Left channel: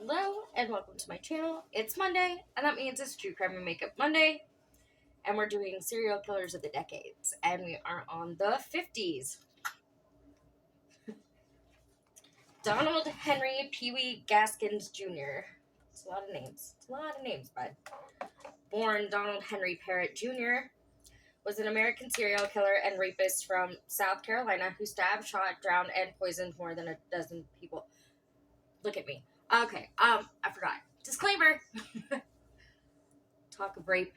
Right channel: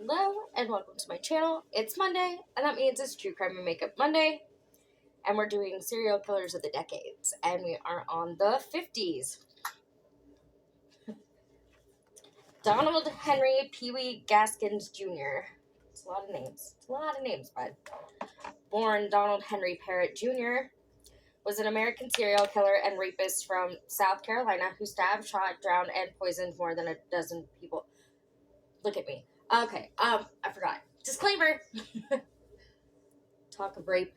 Hello and welcome to my channel. It's Monday, and that means it's True Crime and Makeup Monday, and we're doing serial killers of the decades, and we are on the 50s. Donald Henry Pee Wee Gaskins Jr. It's a lot of names. Bud. Born Donald Henry Parrott Jr., was an American serial killer and rapist from South Carolina who stabbed, shot, drowned, and poisoned more than a dozen people. Look at me. Okay, I forgot. Disclaimer. Talk of rape,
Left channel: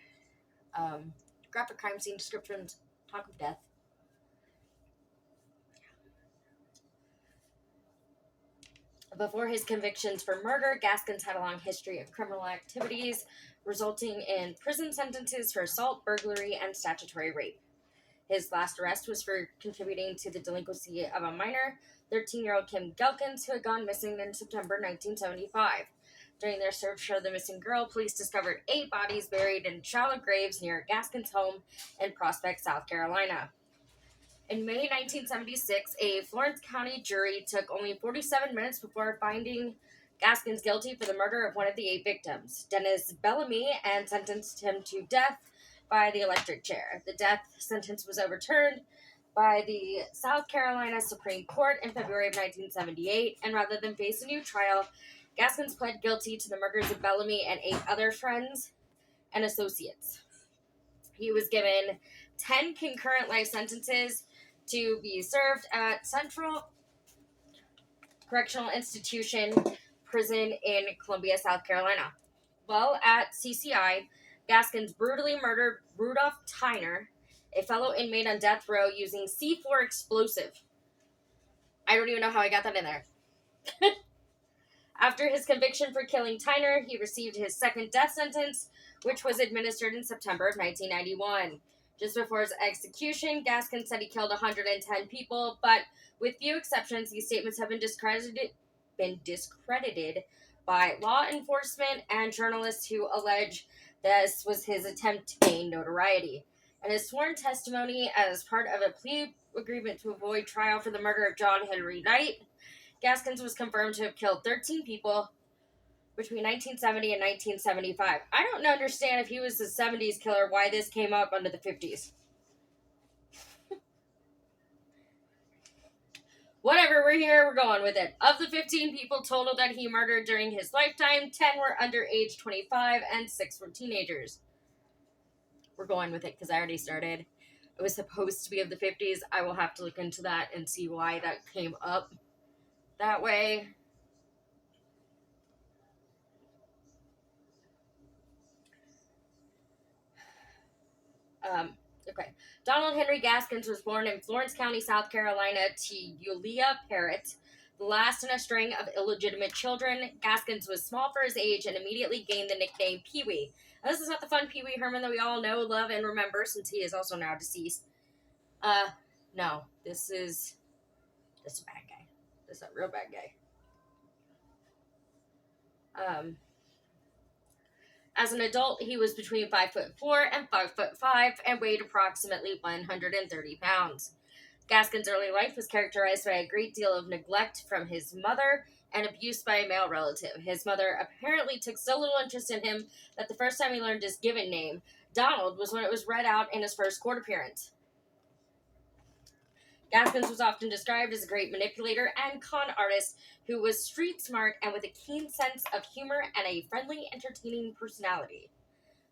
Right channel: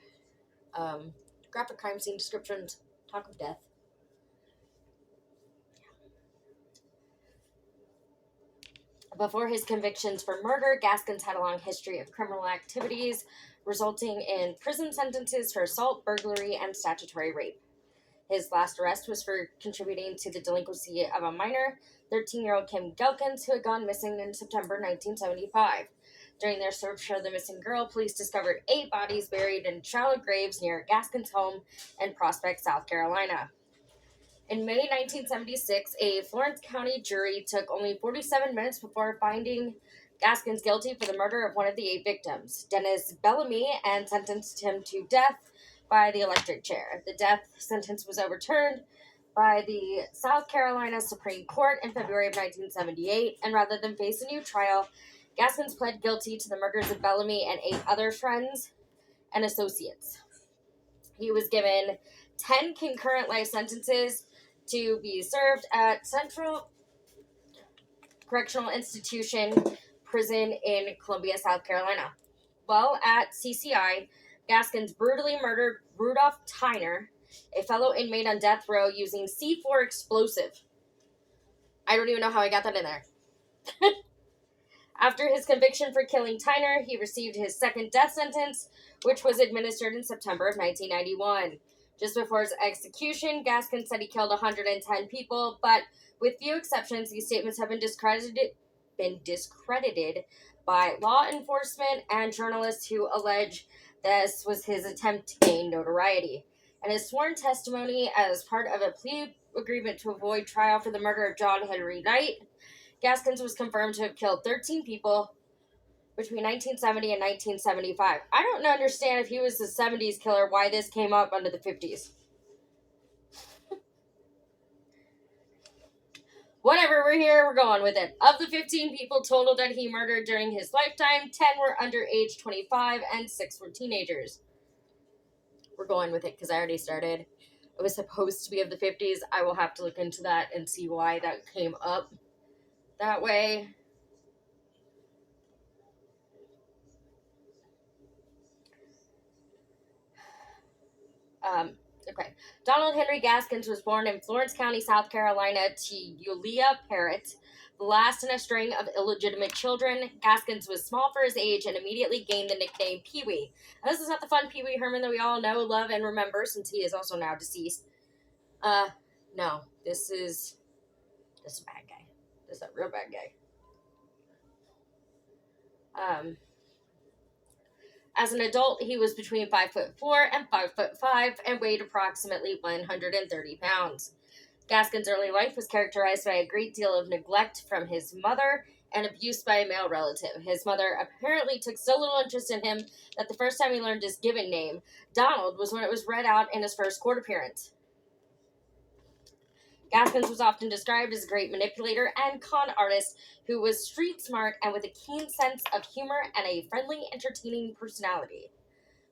graphic crime scene descriptions, talk of death. Before his convictions for murder, Gaskins had a long history of criminal activities, resulting in prison sentences for assault, burglary, and statutory rape. His last arrest was for contributing to the delinquency of a minor, 13-year-old Kim Gaskins, who had gone missing in September 1975. During their search for the missing girl, police discovered 8 bodies buried in shallow graves near Gaskins' home in Prospect, South Carolina. In May 1976, a Florence County jury took only 47 minutes before finding Gaskins guilty for the murder of one of the 8 victims, Dennis Bellamy, and sentenced him to death by the electric chair. The death sentence was overturned by the South Carolina Supreme Court in February of 1978, and rather than face a new trial, Gaskins pled guilty to the murders of Bellamy and 8 other friends and associates. He was given 10 concurrent life sentences to be served at Central Correctional Institution Prison in Columbia, South Carolina. While at CCI, Gaskins brutally murdered Rudolph Tyner, a fellow inmate on death row, using C4 explosive. I don't even know how I got that in there. After his conviction for killing Tyner, he received his second death sentence, which was administered in September of 1991. Just before his execution, Gaskins said he killed 110 people, but with few exceptions, these statements have been discredited by law enforcement and journalists who allege this was his attempt to gain notoriety. In his sworn testimony as part of a plea agreement to avoid trial for the murder of John Henry Knight, Gaskins was confirmed to have killed 13 people between 1970 and 1975. I don't understand if he was the 70s killer, why this came up under the 50s. Whatever, we're here, we're going with it. Of the 15 people total that he murdered during his lifetime, 10 were under age 25 and 6 were teenagers. We're going with it because I already started. It was supposed to be of the 50s. I will have to look into that and see why that came up that way. Okay. Donald Henry Gaskins was born in Florence County, South Carolina, to Yulia Parrott, the last in a string of illegitimate children. Gaskins was small for his age and immediately gained the nickname Pee Wee. And this is not the fun Pee Wee Herman that we all know, love, and remember, since he is also now deceased. No, this is a bad guy. This is a real bad guy. As an adult, he was between 5'4" and 5'5" and weighed approximately 130 pounds. Gaskins' early life was characterized by a great deal of neglect from his mother and abuse by a male relative. His mother apparently took so little interest in him that the first time he learned his given name, Donald, was when it was read out in his first court appearance. Gaskins was often described as a great manipulator and con artist who was street smart and with a keen sense of humor and a friendly, entertaining personality.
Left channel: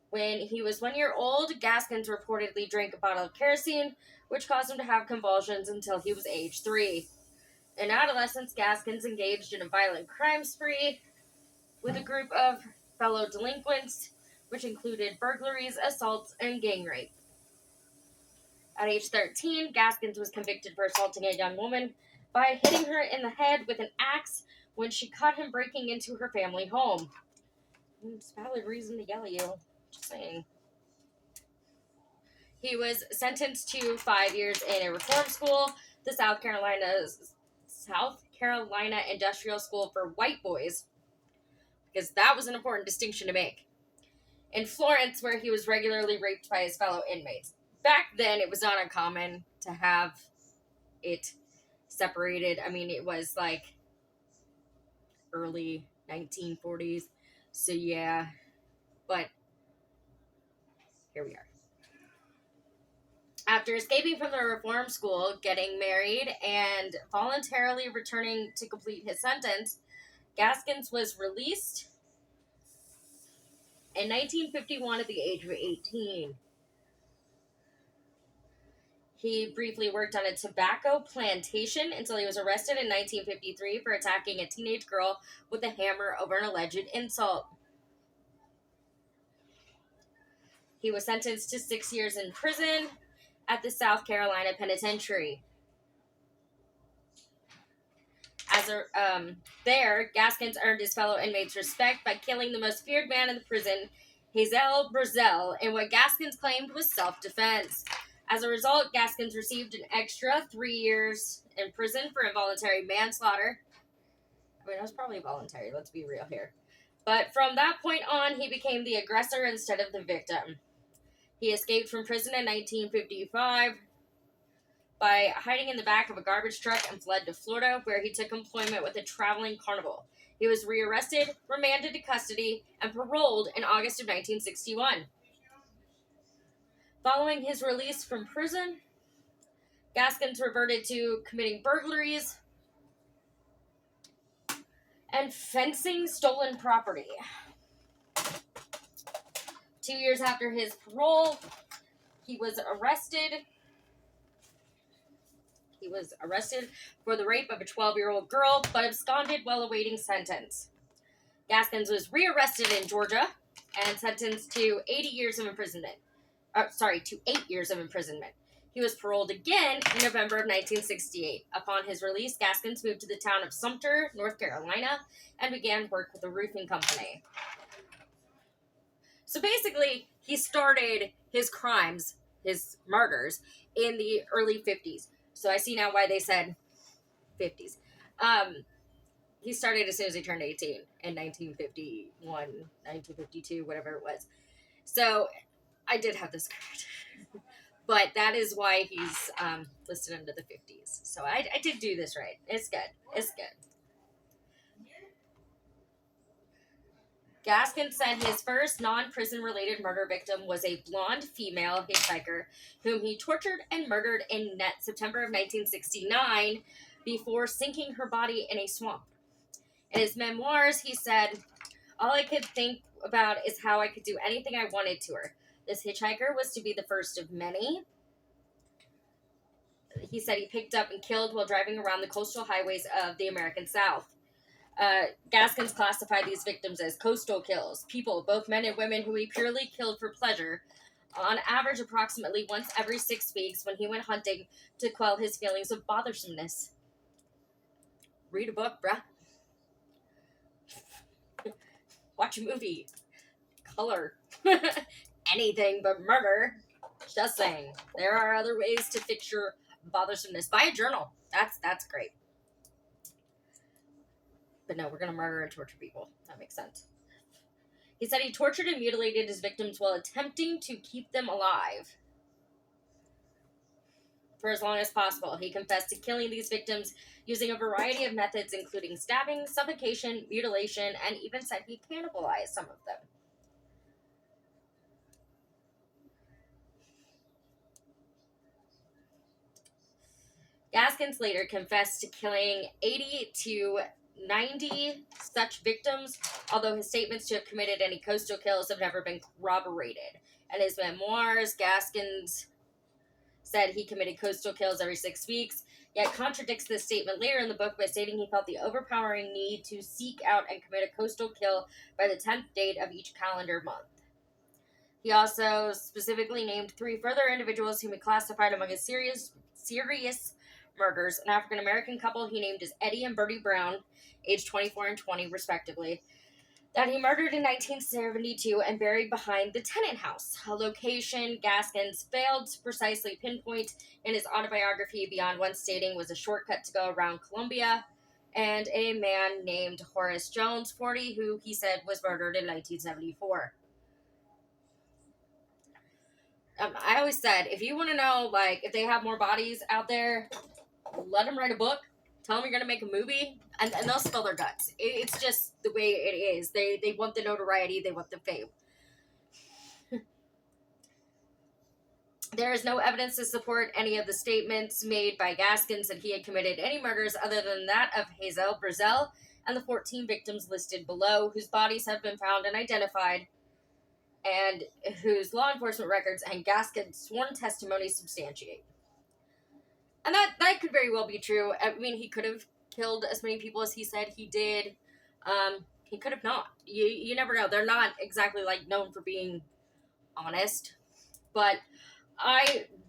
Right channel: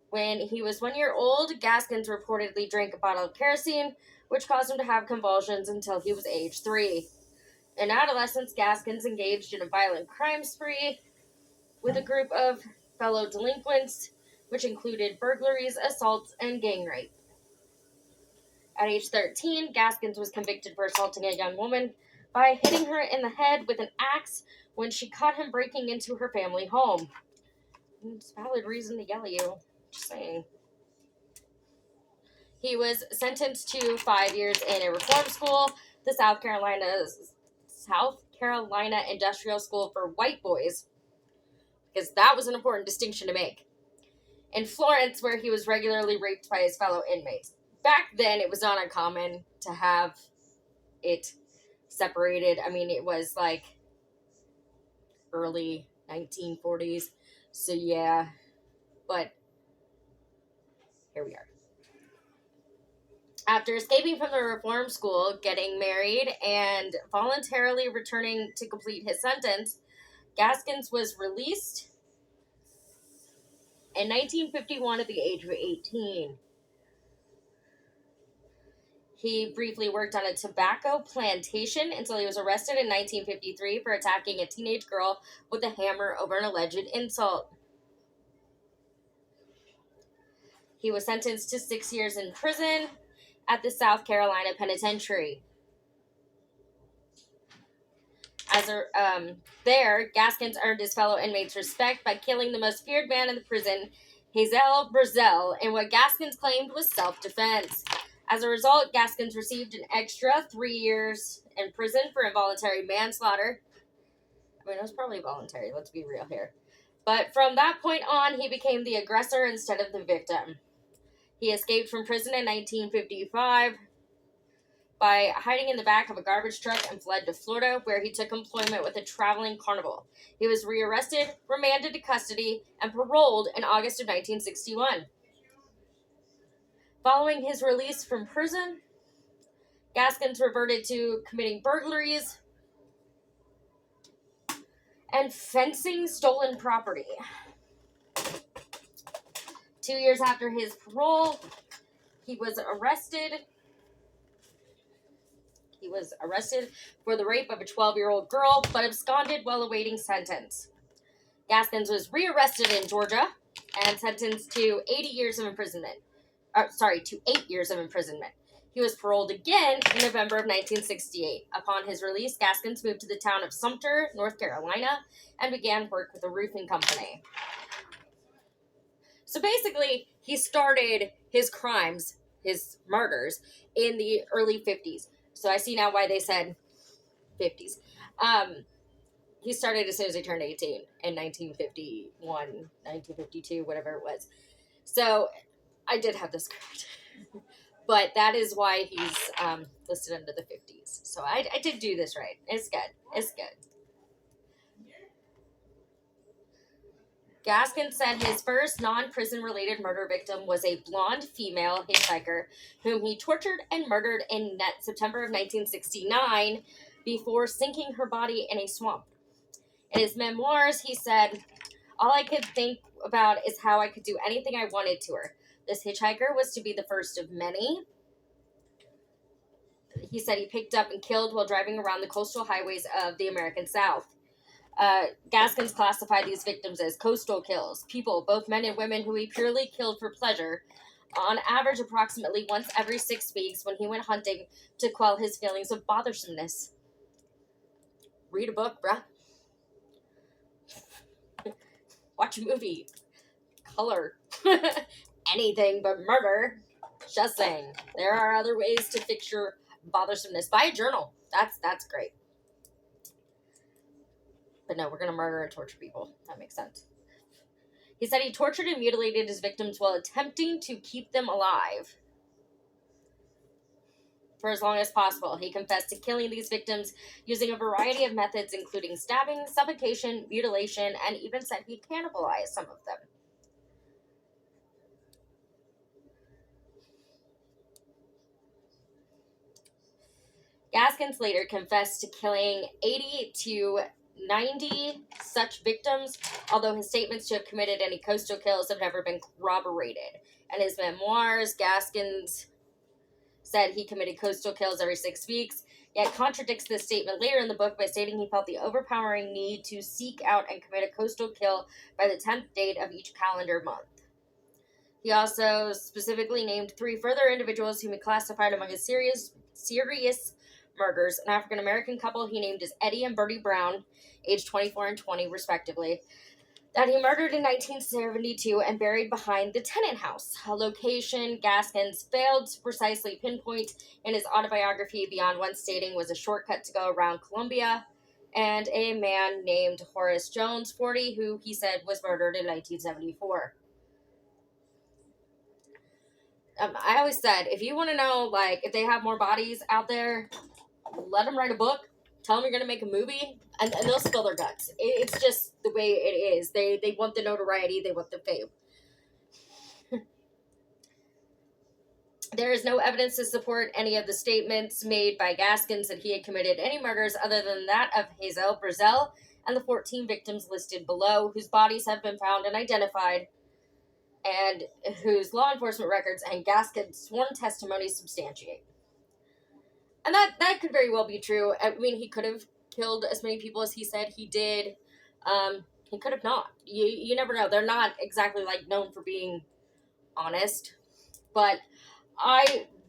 When he was 1 year old, Gaskins reportedly drank a bottle of kerosene, which caused him to have convulsions until he was age 3. In adolescence, Gaskins engaged in a violent crime spree with a group of fellow delinquents, which included burglaries, assaults, and gang rape. At age 13, Gaskins was convicted for assaulting a young woman by hitting her in the head with an axe when she caught him breaking into her family home. It's a valid reason to yell at you. Just saying. He was sentenced to 5 years in a reform school, the South Carolina Industrial School for White Boys, because that was an important distinction to make, in Florence, where he was regularly raped by his fellow inmates. Back then, it was not uncommon to have it separated. I mean, it was like early 1940s. So yeah, but here we are. After escaping from the reform school, getting married, and voluntarily returning to complete his sentence, Gaskins was released in 1951 at the age of 18. He briefly worked on a tobacco plantation until he was arrested in 1953 for attacking a teenage girl with a hammer over an alleged insult. He was sentenced to 6 years in prison at the South Carolina Penitentiary. There, Gaskins earned his fellow inmates respect by killing the most feared man in the prison, Hazel Brazel, in what Gaskins claimed was self-defense. As a result, Gaskins received an extra 3 years in prison for involuntary manslaughter. I mean, it was probably voluntary, let's be real here. But from that point on, he became the aggressor instead of the victim. He escaped from prison in 1955 by hiding in the back of a garbage truck and fled to Florida, where he took employment with a traveling carnival. He was rearrested, remanded to custody, and paroled in August of 1961. Following his release from prison, Gaskins reverted to committing burglaries and fencing stolen property. 2 years after his parole, he was arrested. He was arrested for the rape of a 12-year-old girl, but absconded while awaiting sentence. Gaskins was rearrested in Georgia and sentenced to 80 years of imprisonment. To 8 years of imprisonment. He was paroled again in November of 1968. Upon his release, Gaskins moved to the town of Sumter, North Carolina, and began work with a roofing company. So basically, he started his crimes, his murders, in the early 50s. So I see now why they said 50s. He started as soon as he turned 18 in 1951, 1952, whatever it was. So I did have this correct. But that is why he's listed under the 50s. So I did do this right. It's good. It's good. Gaskin said his first non-prison related murder victim was a blonde female hitchhiker whom he tortured and murdered in September of 1969 before sinking her body in a swamp. In his memoirs, he said, "All I could think about is how I could do anything I wanted to her. This hitchhiker was to be the first of many." He said he picked up and killed while driving around the coastal highways of the American South. Gaskins classified these victims as coastal kills, people, both men and women, who he purely killed for pleasure, on average approximately once every 6 weeks when he went hunting to quell his feelings of bothersomeness. Read a book, bruh. Watch a movie. Color. Anything but murder. Just saying. There are other ways to fix your bothersomeness. Buy a journal. That's great. But no, we're going to murder and torture people. That makes sense. He said he tortured and mutilated his victims while attempting to keep them alive for as long as possible. He confessed to killing these victims using a variety of methods, including stabbing, suffocation, mutilation, and even said he cannibalized some of them. Gaskins later confessed to killing 80 to 90 such victims, although his statements to have committed any coastal kills have never been corroborated. In his memoirs, Gaskins said he committed coastal kills every 6 weeks, yet contradicts this statement later in the book by stating he felt the overpowering need to seek out and commit a coastal kill by the 10th date of each calendar month. He also specifically named 3 further individuals whom he classified among his serious murders: an African-American couple he named as Eddie and Bertie Brown, aged 24 and 20 respectively, that he murdered in 1972 and buried behind the Tennant House, a location Gaskins failed to precisely pinpoint in his autobiography beyond one stating was a shortcut to go around Columbia, and a man named Horace Jones, 40, who he said was murdered in 1974. I always said, if you want to know, like, if they have more bodies out there, let them write a book Tell them you're going to make a movie, and they'll spill their guts. It's just the way it is. They want the notoriety, they want the fame. There is no evidence to support any of the statements made by Gaskins that he had committed any murders other than that of Hazel Brazel and the 14 victims listed below, whose bodies have been found and identified, and whose law enforcement records and Gaskins' sworn testimony substantiate. And that could very well be true. I mean, he could have killed as many people as he said he did. He could have not. You never know. They're not exactly like known for being honest, but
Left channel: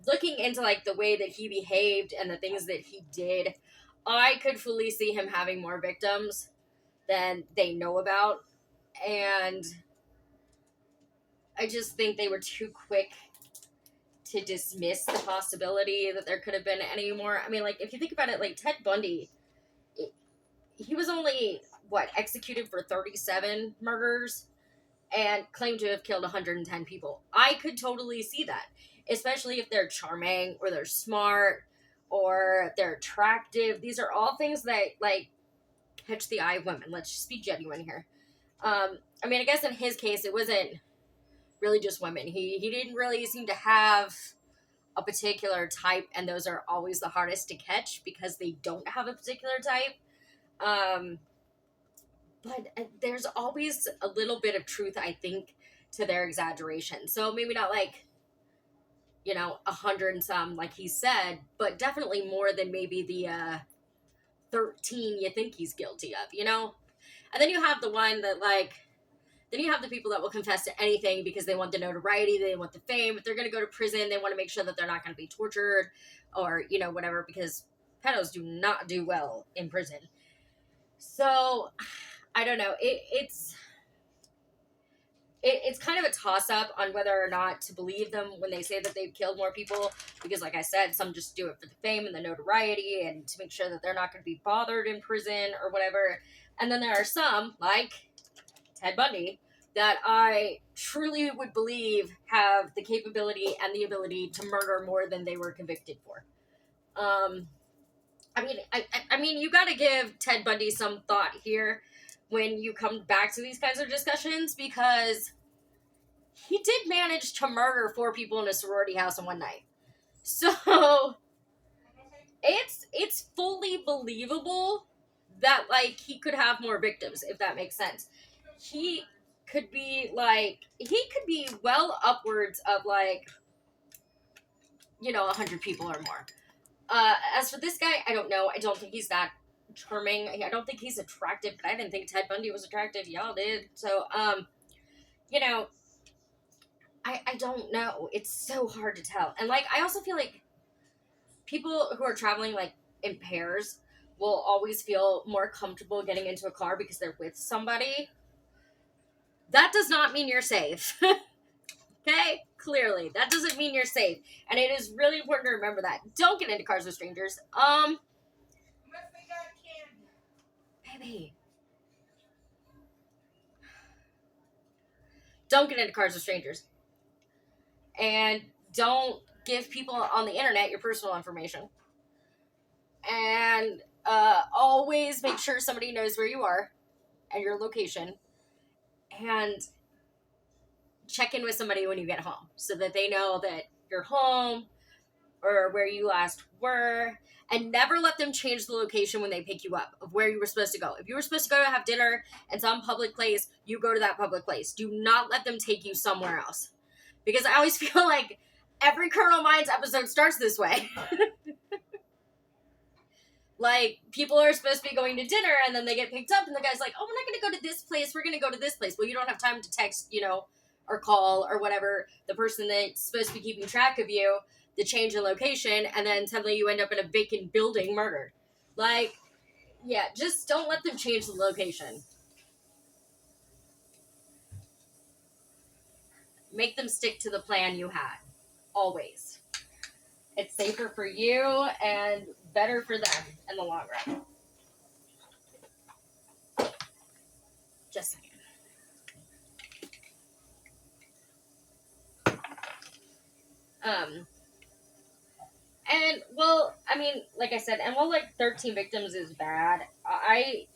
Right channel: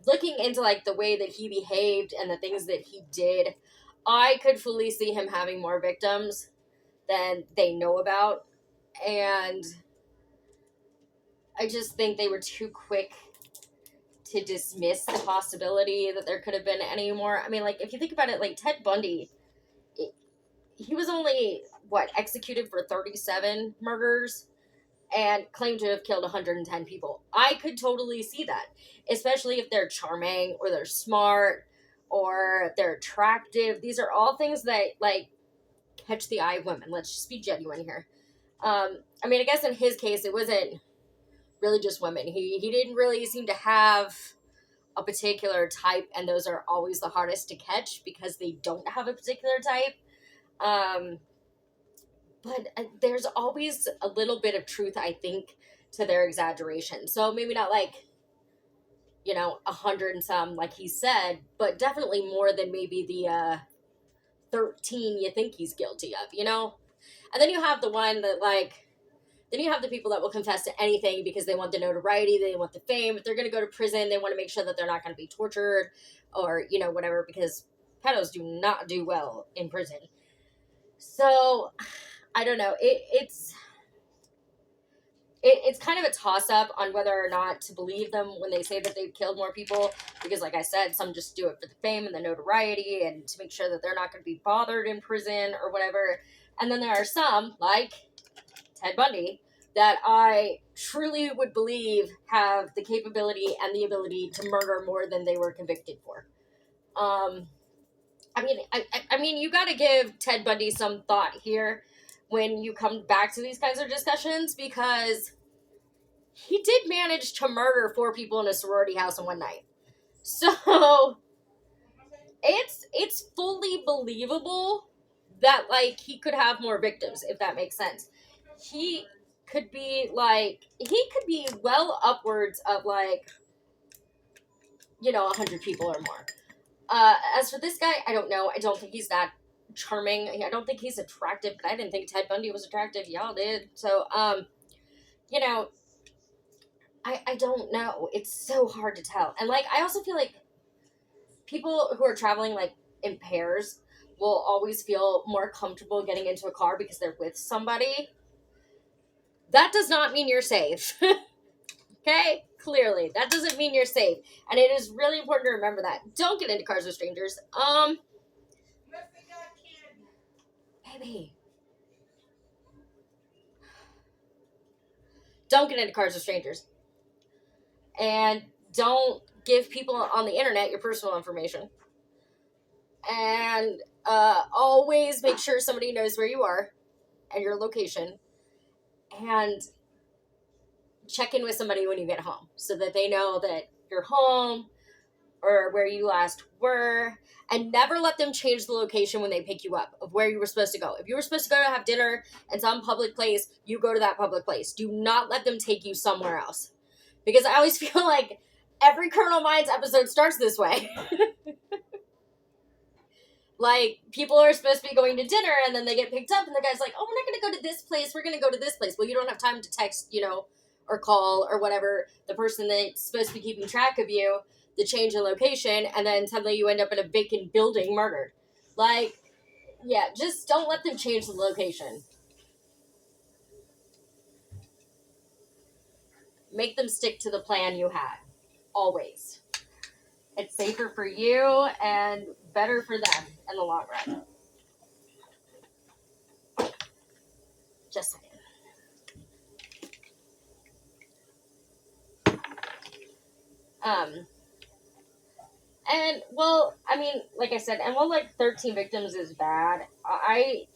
looking into like the way that he behaved and the things that he did, I could fully see him having more victims than they know about, and I just think they were too quick to dismiss the possibility that there could have been any more. I mean, like, if you think about it, like, Ted Bundy, he was only, executed for 37 murders and claimed to have killed 110 people. I could totally see that, especially if they're charming or they're smart or they're attractive. These are all things that, like, catch the eye of women. Let's just be genuine here. I mean, I guess in his case, it wasn't really just women. He didn't really seem to have a particular type, and those are always the hardest to catch because they don't have a particular type. But there's always a little bit of truth, I think, to their exaggeration. So maybe not like, 100 and some, like he said, but definitely more than maybe the 13 you think he's guilty of, And then you have the one that, like, then you have the people that will confess to anything because they want the notoriety, they want the fame. If they're going to go to prison, they want to make sure that they're not going to be tortured or, whatever, because pedos do not do well in prison. So, I don't know. It's kind of a toss-up on whether or not to believe them when they say that they've killed more people, because, like I said, some just do it for the fame and the notoriety and to make sure that they're not going to be bothered in prison or whatever. And then there are some, like Ted Bundy, that I truly would believe have the capability and the ability to murder more than they were convicted for. I mean, you got to give Ted Bundy some thought here when you come back to these kinds of discussions, because he did manage to murder 4 people in a sorority house in one night. So it's fully believable that, like, he could have more victims, if that makes sense. He could be well upwards of, like, 100 people or more. As for this guy, I don't know. I don't think he's that charming. I don't think he's attractive, but I didn't think Ted Bundy was attractive. Y'all did. So, I don't know. It's so hard to tell. And, like, I also feel like people who are traveling, like, in pairs will always feel more comfortable getting into a car because they're with somebody. That does not mean you're safe. Okay? Clearly. That doesn't mean you're safe. And it is really important to remember that. Don't get into cars with strangers. Unless they got candy. Baby. Don't get into cars with strangers. And don't give people on the internet your personal information. And always make sure somebody knows where you are and your location. And check in with somebody when you get home so that they know that you're home or where you last were. And never let them change the location when they pick you up of where you were supposed to go. If you were supposed to go to have dinner in some public place, you go to that public place. Do not let them take you somewhere else. Because I always feel like every Criminal Minds episode starts this way. Like, people are supposed to be going to dinner and then they get picked up and the guy's like, oh, we're not going to go to this place. We're going to go to this place. Well, you don't have time to text, or call or whatever the person that's supposed to be keeping track of you, the change in location, and then suddenly you end up in a vacant building murdered. Like, yeah, just don't let them change the location. Make them stick to the plan you had. Always. It's safer for you and better for them in the long run. Just saying. And well, I mean, like I said, and while like 13 victims is bad, I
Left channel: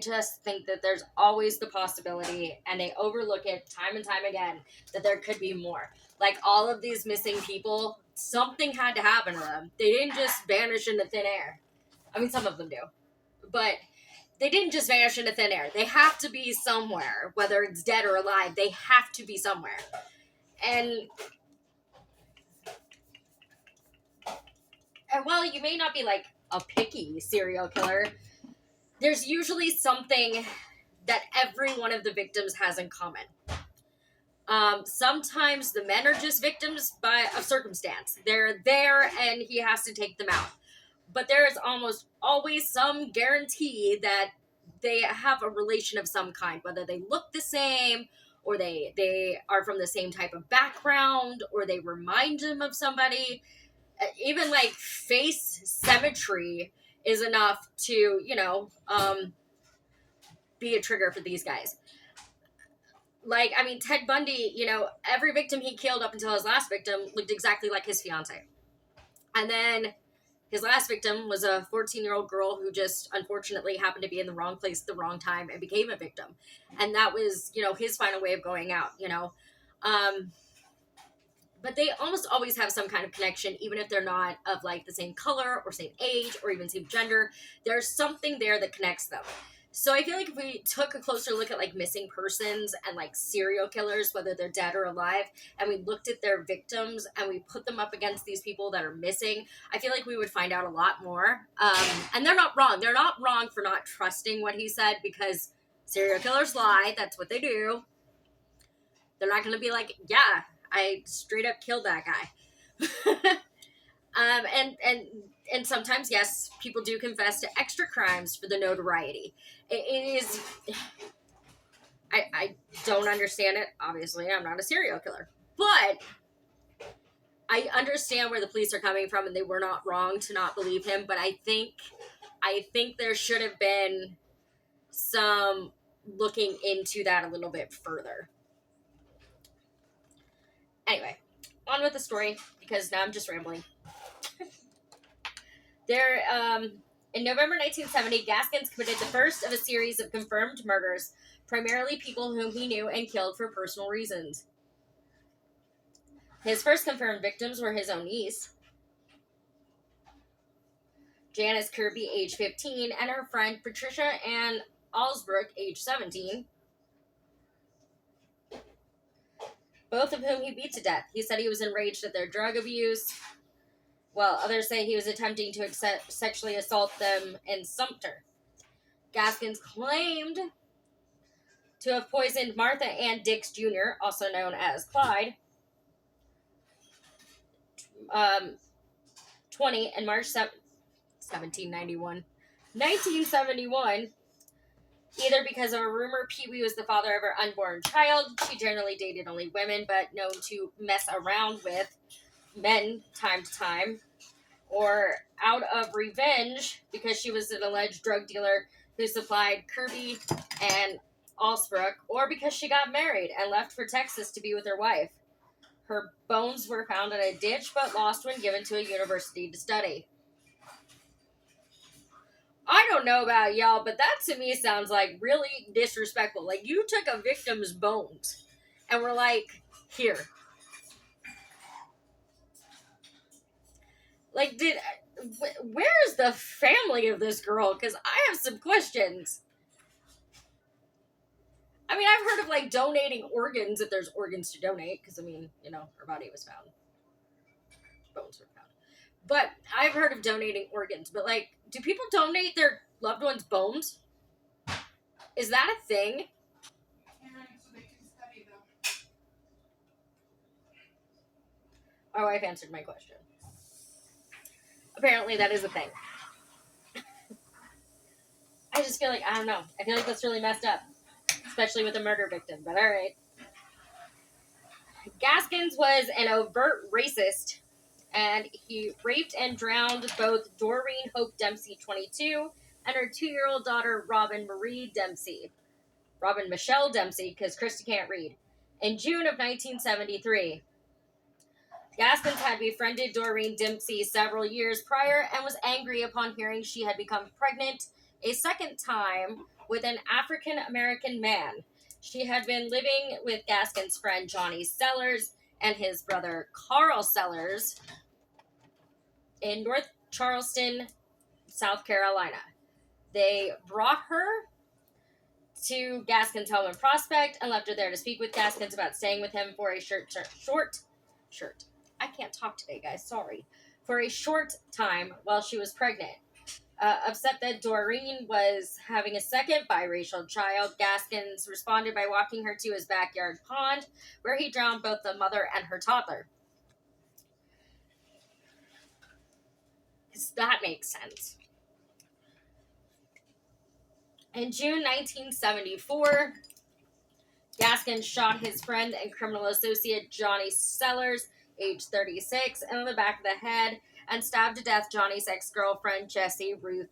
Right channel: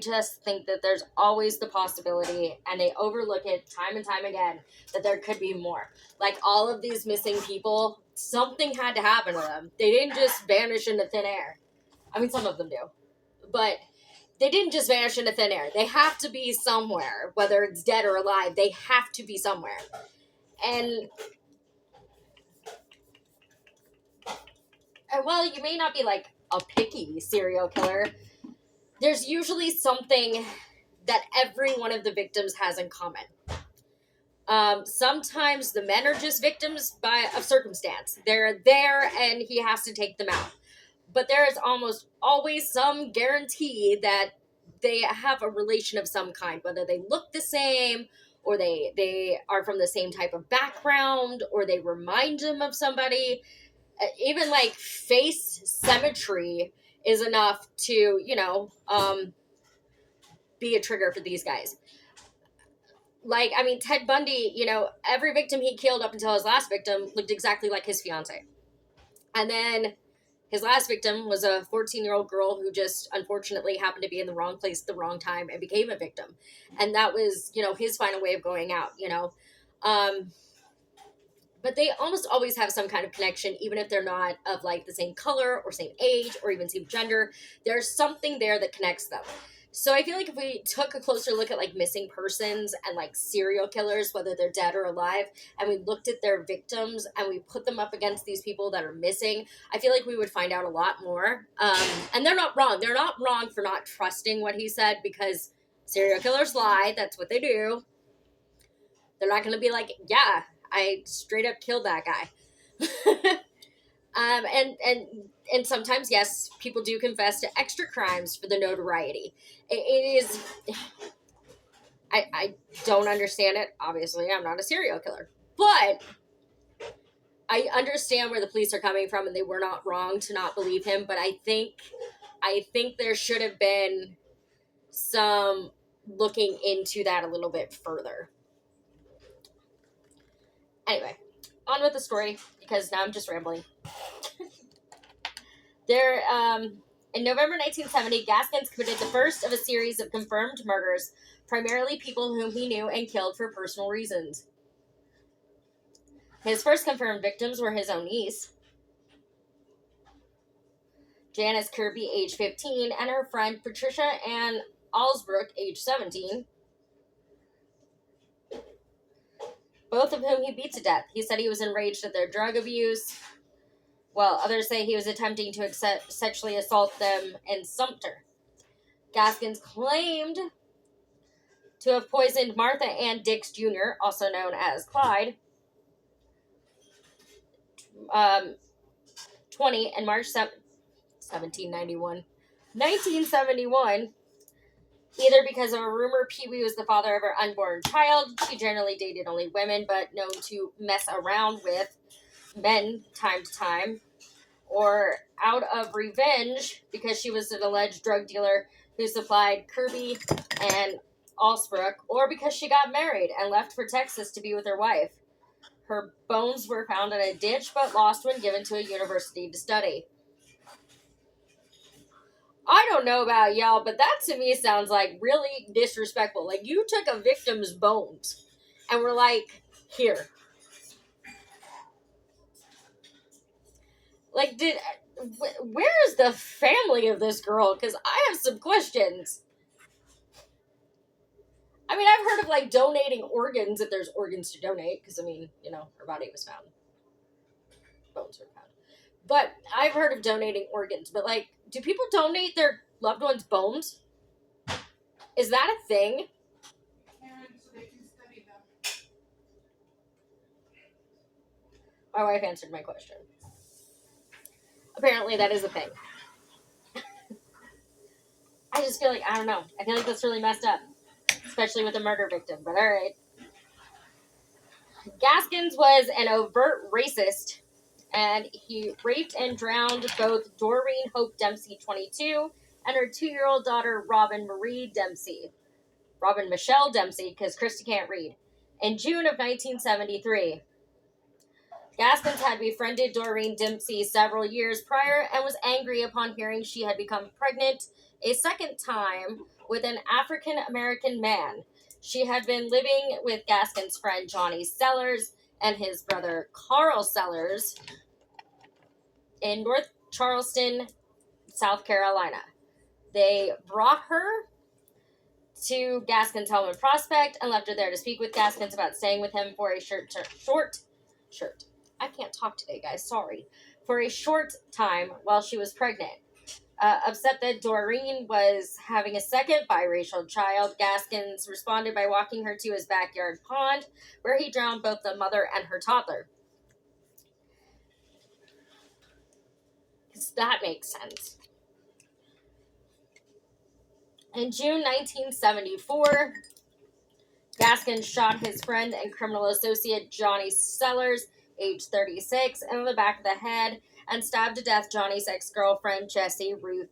just think that there's always the possibility, and they overlook it time and time again, that there could be more. Like all of these missing people, something had to happen to them. They didn't just vanish into thin air. I mean, some of them do, but they didn't just vanish into thin air. They have to be somewhere, whether it's dead or alive. They have to be somewhere. And while you may not be like a picky serial killer, there's usually something that every one of the victims has in common. Sometimes the men are just victims of circumstance. They're there and he has to take them out. But there is almost always some guarantee that they have a relation of some kind, whether they look the same, or they are from the same type of background, or they remind him of somebody. Even like face symmetry is enough to, be a trigger for these guys. Like, I mean, Ted Bundy, every victim he killed up until his last victim looked exactly like his fiance. And then his last victim was a 14-year-old girl who just unfortunately happened to be in the wrong place at the wrong time and became a victim. And that was, his final way of going out, But they almost always have some kind of connection, even if they're not of like the same color or same age or even same gender. There's something there that connects them. So I feel like if we took a closer look at like missing persons and like serial killers, whether they're dead or alive, and we looked at their victims and we put them up against these people that are missing, I feel like we would find out a lot more. And they're not wrong. They're not wrong for not trusting what he said, because serial killers lie. That's what they do. They're not going to be like, yeah, I straight up killed that guy. And sometimes, yes, people do confess to extra crimes for the notoriety. It is. I don't understand it. Obviously, I'm not a serial killer, but I understand where the police are coming from, and they were not wrong to not believe him. But I think there should have been some looking into that a little bit further. Anyway, on with the story, because now I'm just rambling. In November 1970, Gaskins committed the first of a series of confirmed murders, primarily people whom he knew and killed for personal reasons. His first confirmed victims were his own niece, Janice Kirby, age 15, and her friend Patricia Ann Alsbrook, age 17, both of whom he beat to death. He said he was enraged at their drug abuse, while others say he was attempting to sexually assault them in Sumter. Gaskins claimed to have poisoned Martha Ann Dix Jr., also known as Clyde, 20, in March 1971, either because of a rumor Pee-wee was the father of her unborn child. She generally dated only women, but known to mess around with men time to time, or out of revenge because she was an alleged drug dealer who supplied Kirby and Alsbrook, or because she got married and left for Texas to be with her wife. Her bones were found in a ditch, but lost when given to a university to study. I don't know about y'all, but that to me sounds like really disrespectful. Like, you took a victim's bones and were like, here. Like, where is the family of this girl? Because I have some questions. I mean, I've heard of like donating organs if there's organs to donate, because I mean, her body was found. Bones were found. But I've heard of donating organs, but like, do people donate their loved ones' bones? Is that a thing? And so they can study them. My wife answered my question. Apparently that is a thing. I just feel like, I don't know. I feel like that's really messed up. Especially with a murder victim, but alright. Gaskins was an overt racist, and he raped and drowned both Doreen Hope Dempsey, 22, and her 2-year-old daughter, Robin Michelle Dempsey, because Christy can't read, in June of 1973. Gaskins had befriended Doreen Dempsey several years prior and was angry upon hearing she had become pregnant a second time with an African American man. She had been living with Gaskins' friend Johnny Sellers and his brother Carl Sellers in North Charleston, South Carolina. They brought her to Gaskins' home in Prospect and left her there to speak with Gaskins about staying with him for a short. I can't talk today, guys. Sorry. For a short time while she was pregnant. Upset that Doreen was having a second biracial child, Gaskins responded by walking her to his backyard pond, where he drowned both the mother and her toddler. Because that makes sense. In June 1974, Gaskins shot his friend and criminal associate Johnny Sellers, age 36, in the back of the head and stabbed to death Johnny's ex-girlfriend Jessie Ruth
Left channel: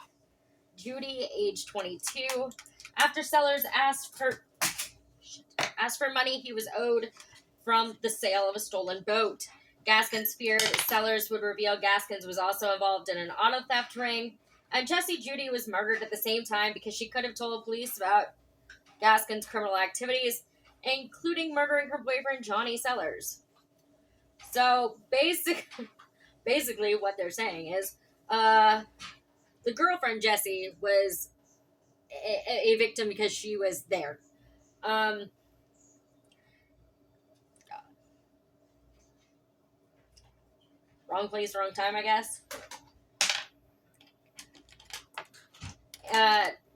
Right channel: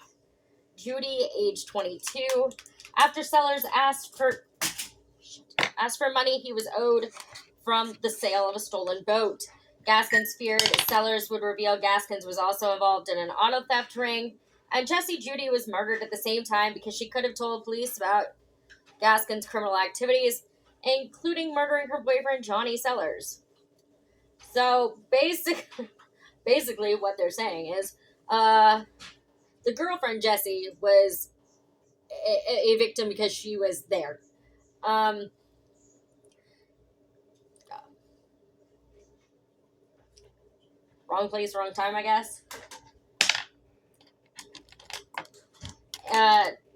Judy, age 22. After Sellers asked for money he was owed from the sale of a stolen boat. Gaskins feared Sellers would reveal Gaskins was also involved in an auto theft ring, and Jessie Judy was murdered at the same time because she could have told police about Gaskins' criminal activities, including murdering her boyfriend Johnny Sellers. So basically what they're saying is the girlfriend Jessie was a victim because she was there. Wrong place, wrong time, I guess.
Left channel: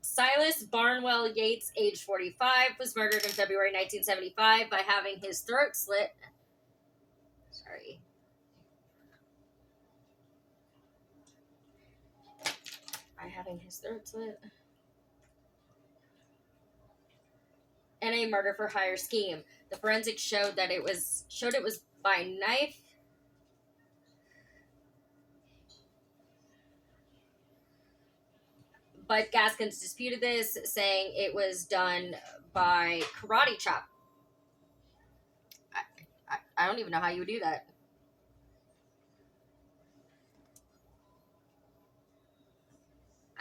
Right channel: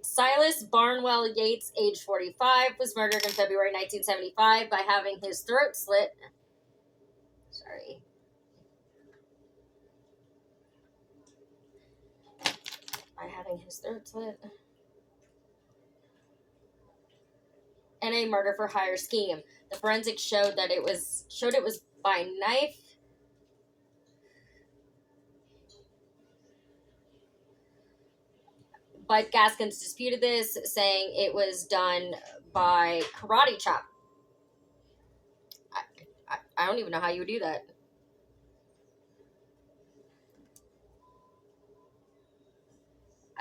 Silas Barnwell Yates, age 45, was murdered in February 1975 by having his throat slit. Sorry. By having his throat slit. And a murder for hire scheme. The forensics showed that it was by knife. But Gaskins disputed this, saying it was done by karate chop. I don't even know how you would do that.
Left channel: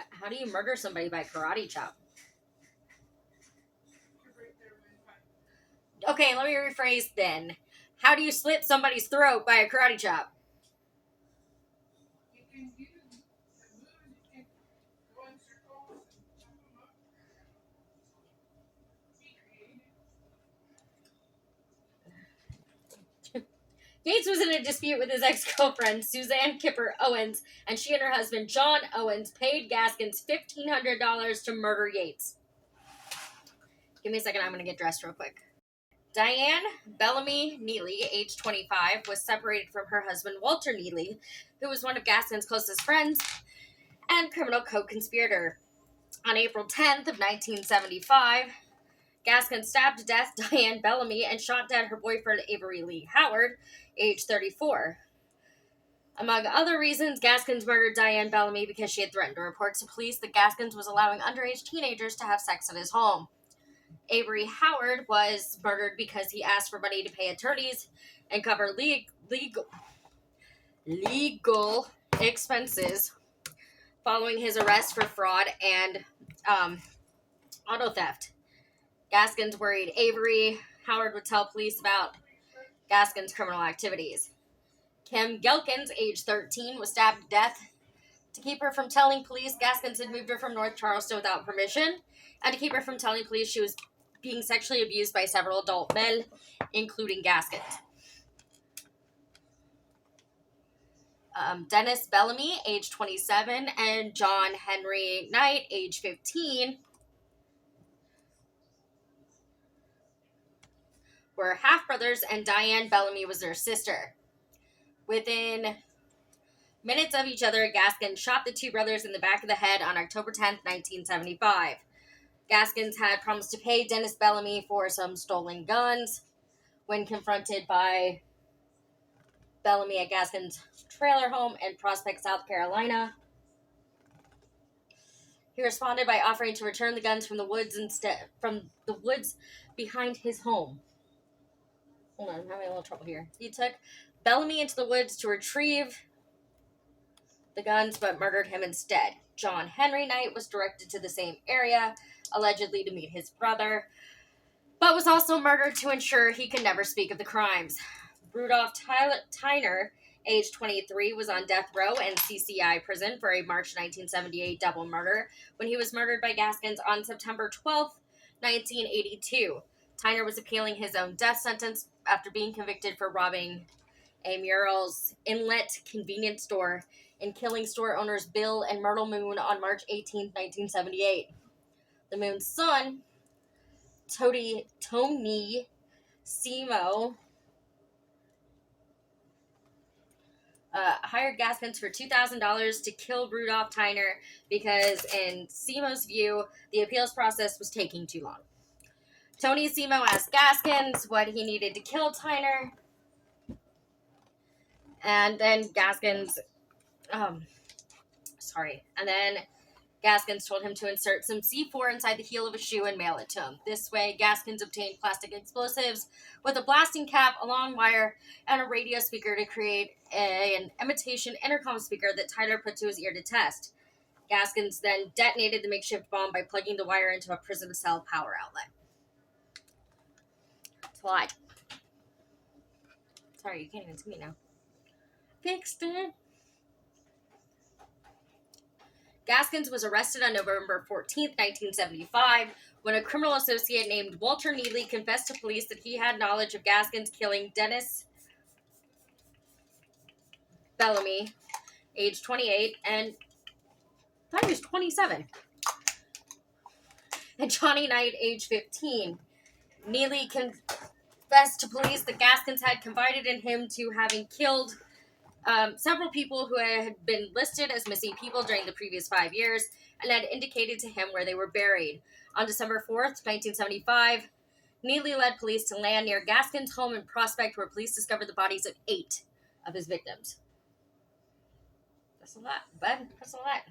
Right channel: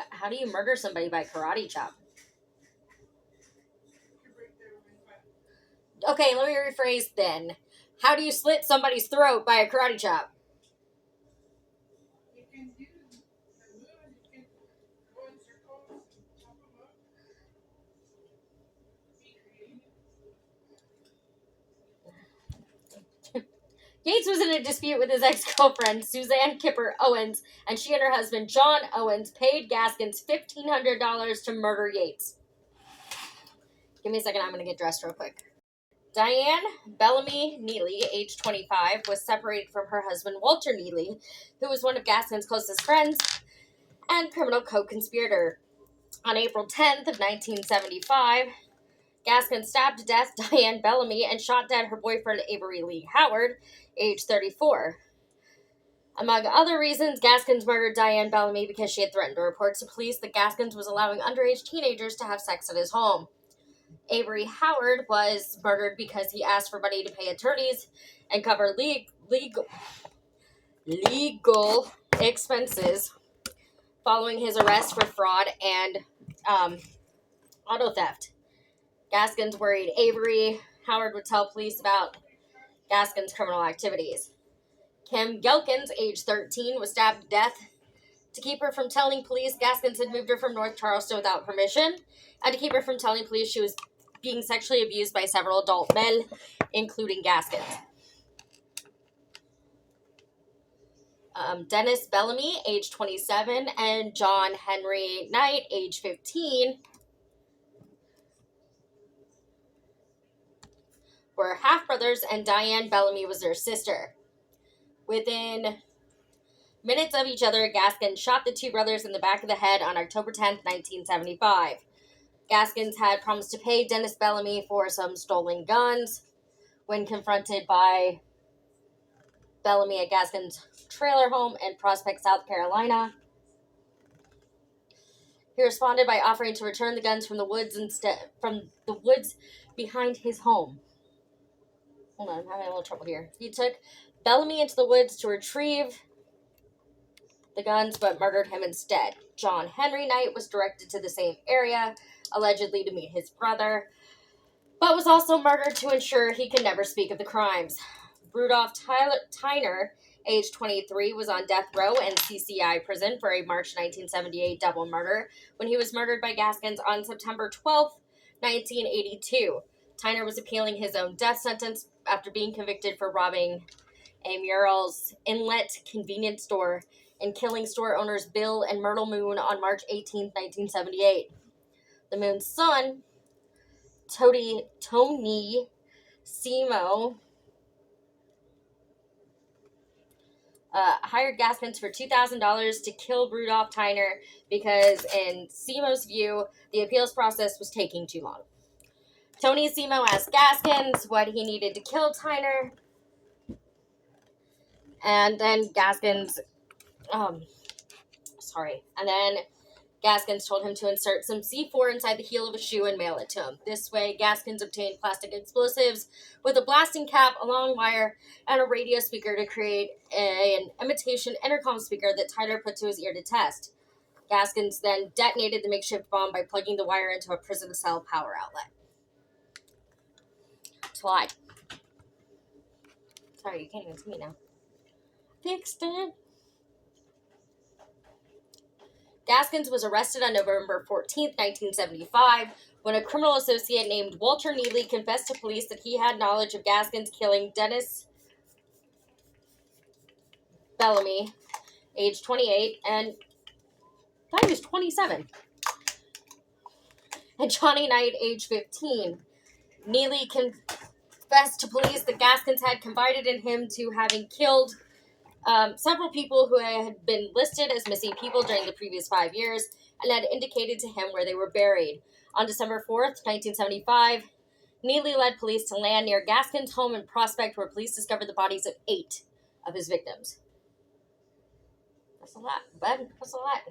How do you murder somebody by karate chop? Okay, let me rephrase then. How do you slit somebody's throat by a karate chop? You can do the move, you can go in circles and chop them up. Be creative. Yates was in a dispute with his ex-girlfriend, Suzanne Kipper Owens, and she and her husband, John Owens, paid Gaskins $1,500 to murder Yates. Give me a second, I'm going to get dressed real quick. Diane Bellamy Neely, age 25, was separated from her husband, Walter Neely, who was one of Gaskins' closest friends and criminal co-conspirator. On April 10th of 1975, Gaskins stabbed to death Diane Bellamy and shot dead her boyfriend, Avery Lee Howard, age 34. Among other reasons, Gaskins murdered Diane Bellamy because she had threatened to report to police that Gaskins was allowing underage teenagers to have sex at his home. Avery Howard was murdered because he asked for money to pay attorneys and cover legal expenses following his arrest for fraud and auto theft. Gaskins worried Avery Howard would tell police about Gaskins' criminal activities. Kim Gelkins, age 13, was stabbed to death. To keep her from telling police Gaskins had moved her from North Charleston without permission, and to keep her from telling police she was being sexually abused by several adult men, including Gaskins. Dennis Bellamy, age 27, and John Henry Knight, age 15, were half-brothers, and Diane Bellamy was their sister. Within minutes of each other, Gaskins shot the two brothers in the back of the head on October 10th, 1975. Gaskins had promised to pay Dennis Bellamy for some stolen guns. When confronted by Bellamy at Gaskins' trailer home in Prospect, South Carolina, he responded by offering to return the guns from the woods behind his home. Hold on, I'm having a little trouble here. He took Bellamy into the woods to retrieve the guns, but murdered him instead. John Henry Knight was directed to the same area, allegedly to meet his brother, but was also murdered to ensure he could never speak of the crimes. Rudolph Tyner, age 23, was on death row in CCI prison for a March 1978 double murder when he was murdered by Gaskins on September 12, 1982. Tyner was appealing his own death sentence after being convicted for robbing a Murrells Inlet convenience store and killing store owners Bill and Myrtle Moon on March 18, 1978. The Moon's son, Tony Simo, hired Gaskins for $2,000 to kill Rudolph Tyner because, in Simo's view, the appeals process was taking too long. Tony Simo asked Gaskins what he needed to kill Tyner, and then Gaskins told him to insert some C4 inside the heel of a shoe and mail it to him. This way, Gaskins obtained plastic explosives with a blasting cap, a long wire, and a radio speaker to create an imitation intercom speaker that Tyler put to his ear to test. Gaskins then detonated the makeshift bomb by plugging the wire into a prison cell power outlet. It's a lot. Sorry, you can't even see me now. Fixed it. Gaskins was arrested on November 14th, 1975, when a criminal associate named Walter Neely confessed to police that he had knowledge of Gaskins killing Dennis Bellamy, age 28, and I thought he was 27, and Johnny Knight, age 15. Neely confessed to police that Gaskins had confided in him to having killed several people who had been listed as missing people during the previous 5 years and had indicated to him where they were buried. On December 4th, 1975, Neely led police to land near Gaskins' home in Prospect, where police discovered the bodies of 8 of his victims. That's a lot, bud. That's a lot.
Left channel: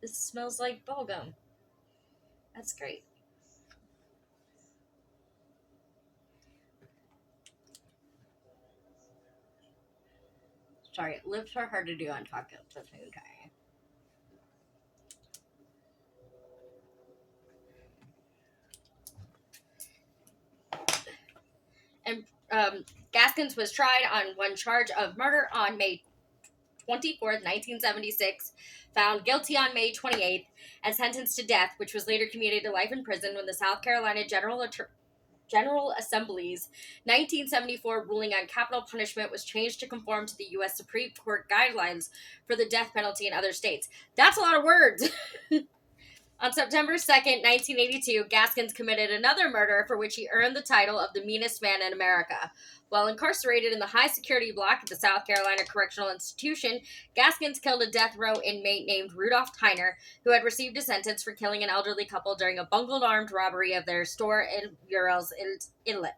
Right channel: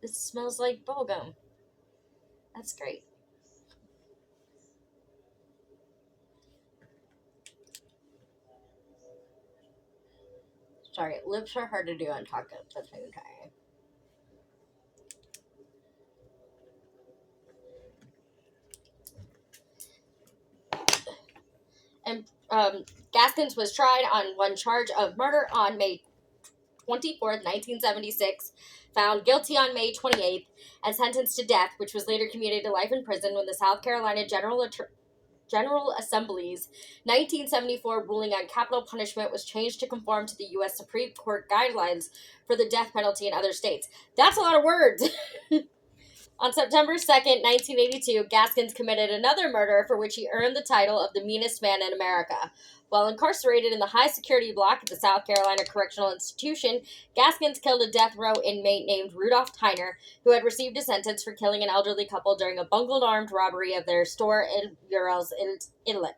This smells like bubblegum. That's great. Sorry, lips are hard to do on talk at the same time. And Gaskins was tried on one charge of murder on May 24th, 1976, found guilty on May 28th, and sentenced to death, which was later commuted to life in prison when the South Carolina General Assembly's 1974 ruling on capital punishment was changed to conform to the U.S. Supreme Court guidelines for the death penalty in other states. That's a lot of words. On September 2nd, 1982, Gaskins committed another murder for which he earned the title of the meanest man in America. While incarcerated in the high-security block at the South Carolina Correctional Institution, Gaskins killed a death row inmate named Rudolph Tyner, who had received a sentence for killing an elderly couple during a bungled armed robbery of their store in Murrells Inlet,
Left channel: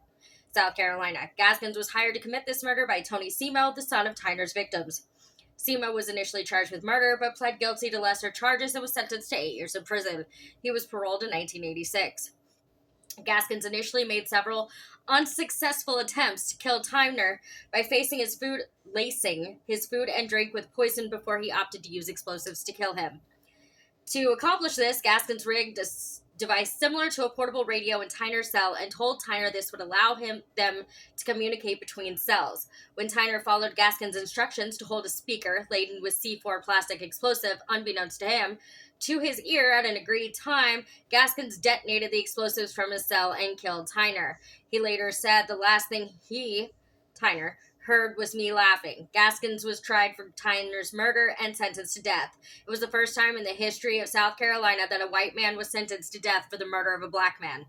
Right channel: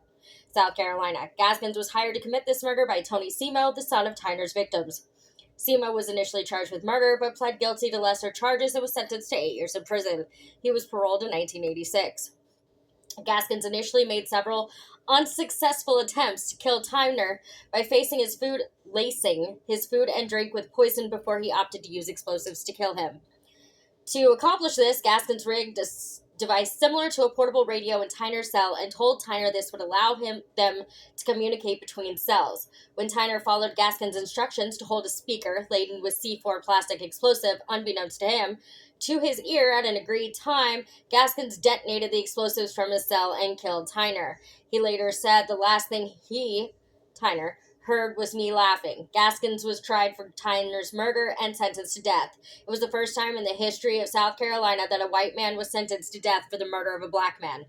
South Carolina. Gaskins was hired to commit this murder by Tony Simo, the son of Tyner's victims. Simo was initially charged with murder, but pled guilty to lesser charges and was sentenced to 8 years in prison. He was paroled in 1986. Gaskins initially made several unsuccessful attempts to kill Tyner by lacing his food and drink with poison before he opted to use explosives to kill him. To accomplish this, Gaskins rigged a device similar to a portable radio in Tyner's cell and told Tyner this would allow them to communicate between cells. When Tyner followed Gaskins' instructions to hold a speaker laden with C4 plastic explosive, unbeknownst to him, to his ear at an agreed time, Gaskins detonated the explosives from his cell and killed Tyner. He later said the last thing Tyner, heard was me laughing. Gaskins was tried for Tyner's murder and sentenced to death. It was the first time in the history of South Carolina that a white man was sentenced to death for the murder of a black man.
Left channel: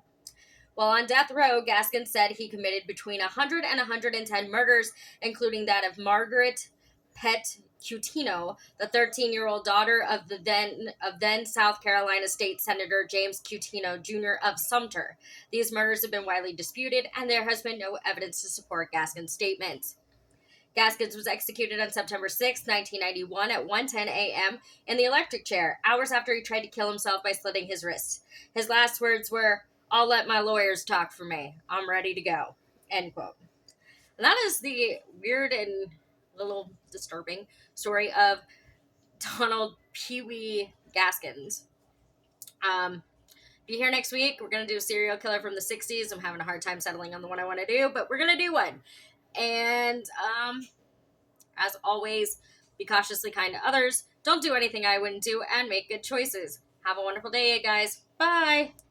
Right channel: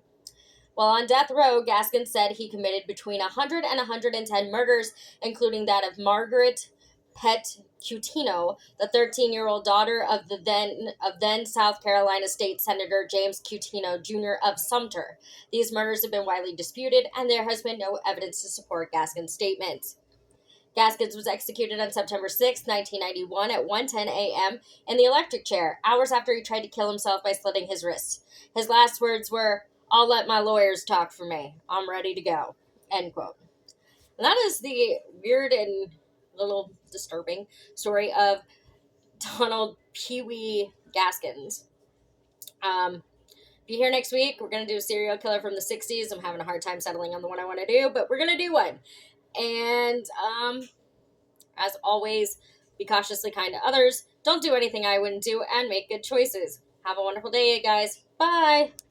While on death row, Gaskins said he committed between 100 and 110 murders, including that of Margaret Pett Cutino, the 13-year-old daughter of then South Carolina State Senator James Cutino Jr. of Sumter. These murders have been widely disputed, and there has been no evidence to support Gaskins' statements. Gaskins was executed on September 6, 1991 at 1:10 a.m. in the electric chair, hours after he tried to kill himself by slitting his wrists. His last words were, "I'll let my lawyers talk for me. I'm ready to go." End quote. And that is the weird and little disturbing story of Donald Pee Wee Gaskins. Be here next week. We're going to do a serial killer from the 60s. I'm having a hard time settling on the one I want to do, but we're going to do one. And as always, be cautiously kind to others. Don't do anything I wouldn't do and make good choices. Have a wonderful day, guys. Bye.